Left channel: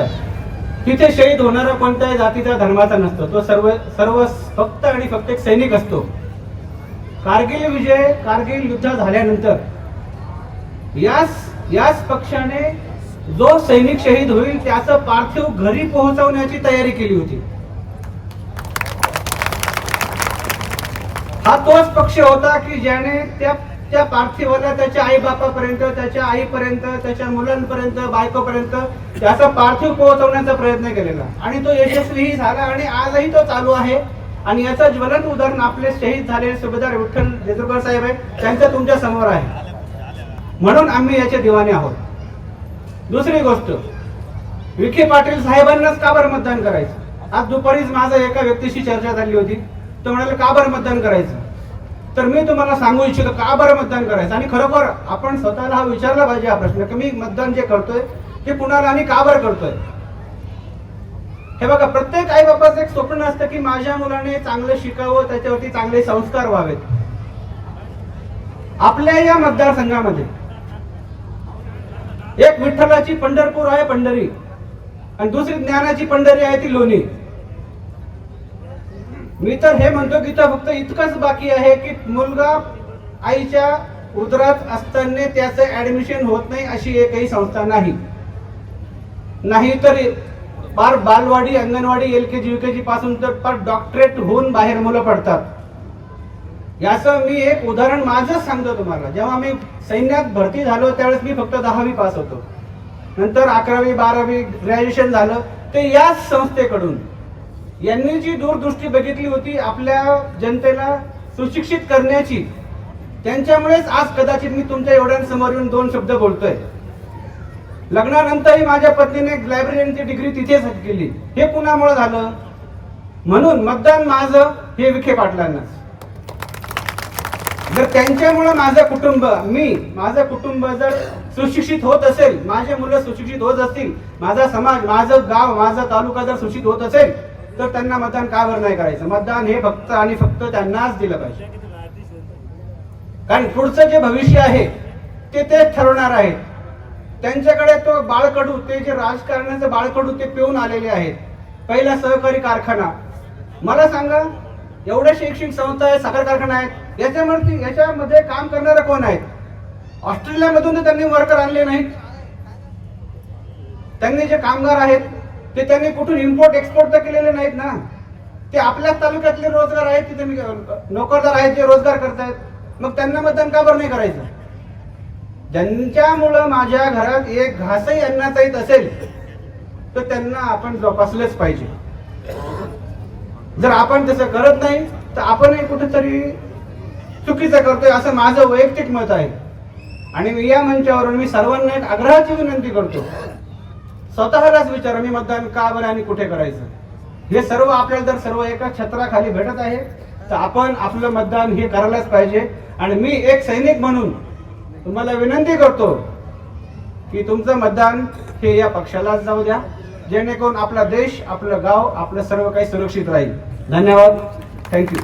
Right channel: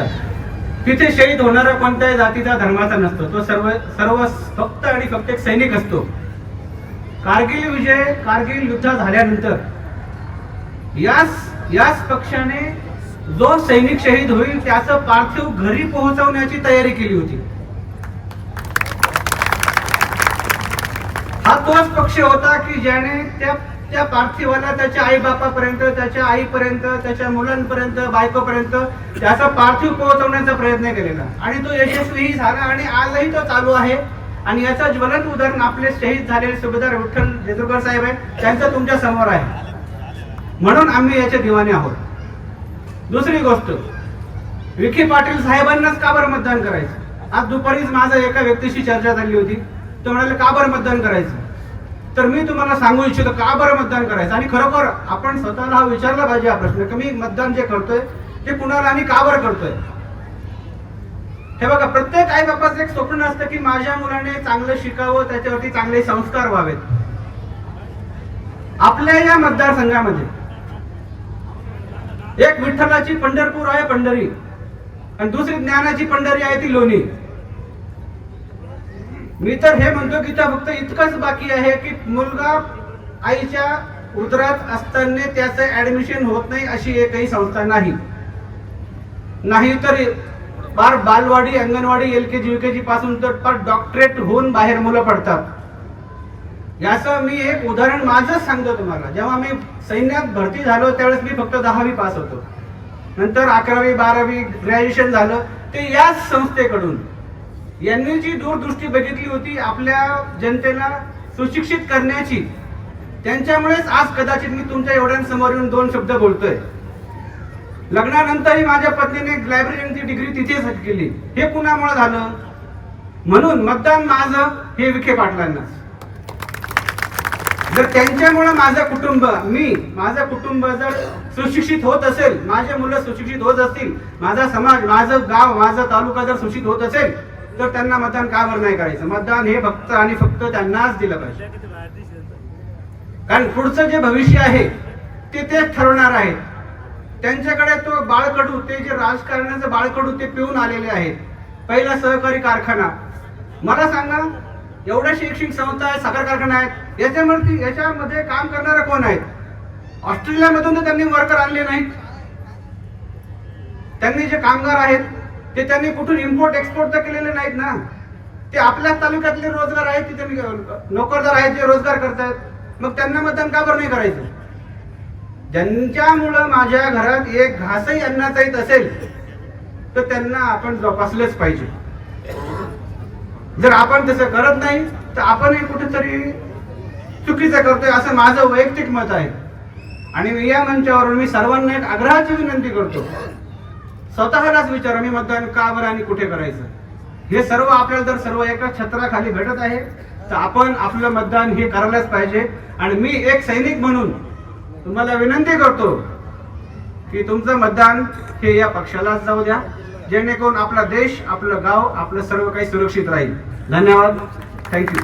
असतात तिथे शहीद होणारा कोणत्याही जातीचा धर्माचा नसतो. तो सर्व सर्व फक्त आणि फक्त एक सैनिक असतो. कारगिल विजय कारगिल युद्ध झाल्यानंतर याच याच पक्षाने जो सैनिक शहीद होईल त्याचं पार्थिव घरी पोहोचवण्याची तयारी केली होती. हा तोच पक्ष होता की ज्याने त्या त्या पार्थिवाला त्याच्या आई बापापर्यंत त्याच्या आईपर्यंत त्याच्या मुलांपर्यंत बायकोपर्यंत त्याचा पार्थिव पोहोचवण्याचा प्रयत्न केलेला. आणि तो यशस्वीही झाला आणि आजही तो चालू आहे. आणि याचं ज्वलंत उदाहरण आपले शहीद झालेले सुभेदार विठ्ठल जेजुरकर साहेब आहे त्यांचं तुमच्यासमोर आहे. म्हणून आम्ही याचे दिवाने आहोत. दुसरी गोष्ट विखे पाटील साहेबांनाच का बरं मतदान करायचं? आज दुपारीच माझं एका व्यक्तीशी चर्चा झाली होती. तो म्हणाले का बरं मतदान करायचं? तर मी तुम्हाला सांगू इच्छितो का बरं मतदान करायचं? आणि खरोखर आपण स्वतःला हा विचारला पाहिजे हा प्रश्न की मी मतदान जे करतोय ते कुणाला आणि का बरं करतोय? हे बघा प्रत्येक आई बापाचं एक स्वप्न असतं की माझ्या मुलाने चांगलं शिकावं त्याच्यावरती चांगले संस्कार व्हावेत. आपल्या या मतदारसंघामध्ये एक विठ्ठलाची पंढरपूर आहे पंढरी आणि दुसरी ज्ञानाची पंढरी आहे ती लोणी. मी तर हे म्हणतो की इथं फक्त इतकंच बाकी आहे की मुलगा आईच्या उदरात असताना त्याचं ऍडमिशन होत नाही अशी एकही संस्था नाही. नाही तर फार बालवाडी अंगणवाडी एल के जी के जी पासून तर फार डॉक्टरेट होऊन बाहेर मुलं पडतात. याचं मी एक उदाहरण माझंच सांगतो तुम्हाला. जेव्हा मी सैन्यात भरती झालो त्यावेळेस मी फक्त दहावी पास होतो. नंतर अकरावी बारावी ग्रॅज्युएशन झालं. ते याच संस्थेकडून यांनी जी दूरदृष्टी बघितली होती आपल्या जनतेला सुशिक्षित करण्याची त्यांच्यामुळेच आज कदाचित मी तुमच्या एवढ्यांसमोर येऊन दोन शब्द बोलतोय. लग्नानंतरही माझ्या पत्नीने लायब्ररीची डिग्री तिथेच केली. हे कुणामुळे झालं. म्हणून मतदान माझं हे विखे पाटलांना. जर त्यांच्यामुळे माझं कुटुंब मी माझं कुटुंब जर सुशिक्षित होत असेल माझे मुलं सुशिक्षित होत असतील माझा समाज माझं गाव माझा तालुका जर सुशिक्षित होत असेल तर त्यांना मतदान का बरं नाही करायचं? मतदान हे फक्त आणि फक्त त्यांनाच दिलं पाहिजे. कारण पुढचं जे भविष्य आहे ते तेच ठरवणार आहेत. त्यांच्याकडे तो बाळकडू ते जे राजकारणाचं बाळकडू ते पिऊन आलेले आहेत. पहिला सहकारी कारखाना. मला सांगा एवढ्या शैक्षणिक संस्था आहेत साखर कारखाना आहेत याच्यामध्ये याच्यामध्ये काम करणारे कोण आहेत? ऑस्ट्रेलियामधून तर त्यांनी वर्कर आणले नाहीत. त्यांनी जे कामगार आहेत ते त्यांनी कुठून इम्पोर्ट एक्सपोर्ट तर केलेले नाहीत ना. ते आपल्याच तालुक्यातले रोजगार आहेत तिथे नोकरदार आहेत जे रोजगार करतात. मग त्यांना मतदान का बरं नाही करायचं? ज्यांच्यामुळं माझ्या घरात एक घासही अन्नाचा असेल तर त्यांना आपण जोपासलंच पाहिजे. जर आपण तसं करत नाही तर आपणही कुठेतरी चुकीचं करतोय असं माझं वैयक्तिक मत आहे. आणि या मंचावरून मी सर्वांना एक आग्रहाची विनंती करतो. स्वतःलाच विचारा मी मतदान का बरं आणि कुठे करायचं? हे सर्व आपल्याला जर सर्व एका छत्राखाली भेटत आहे तर आपण आपलं मतदान हे करायलाच पाहिजे. आणि मी एक सैनिक म्हणून तुम्हाला विनंती करतो की तुमचं मतदान हे या पक्षालाच जाऊ द्या. जेणेकरून आपला देश आपलं गाव आपलं सर्व काही सुरक्षित राहील. धन्यवाद. थँक्यू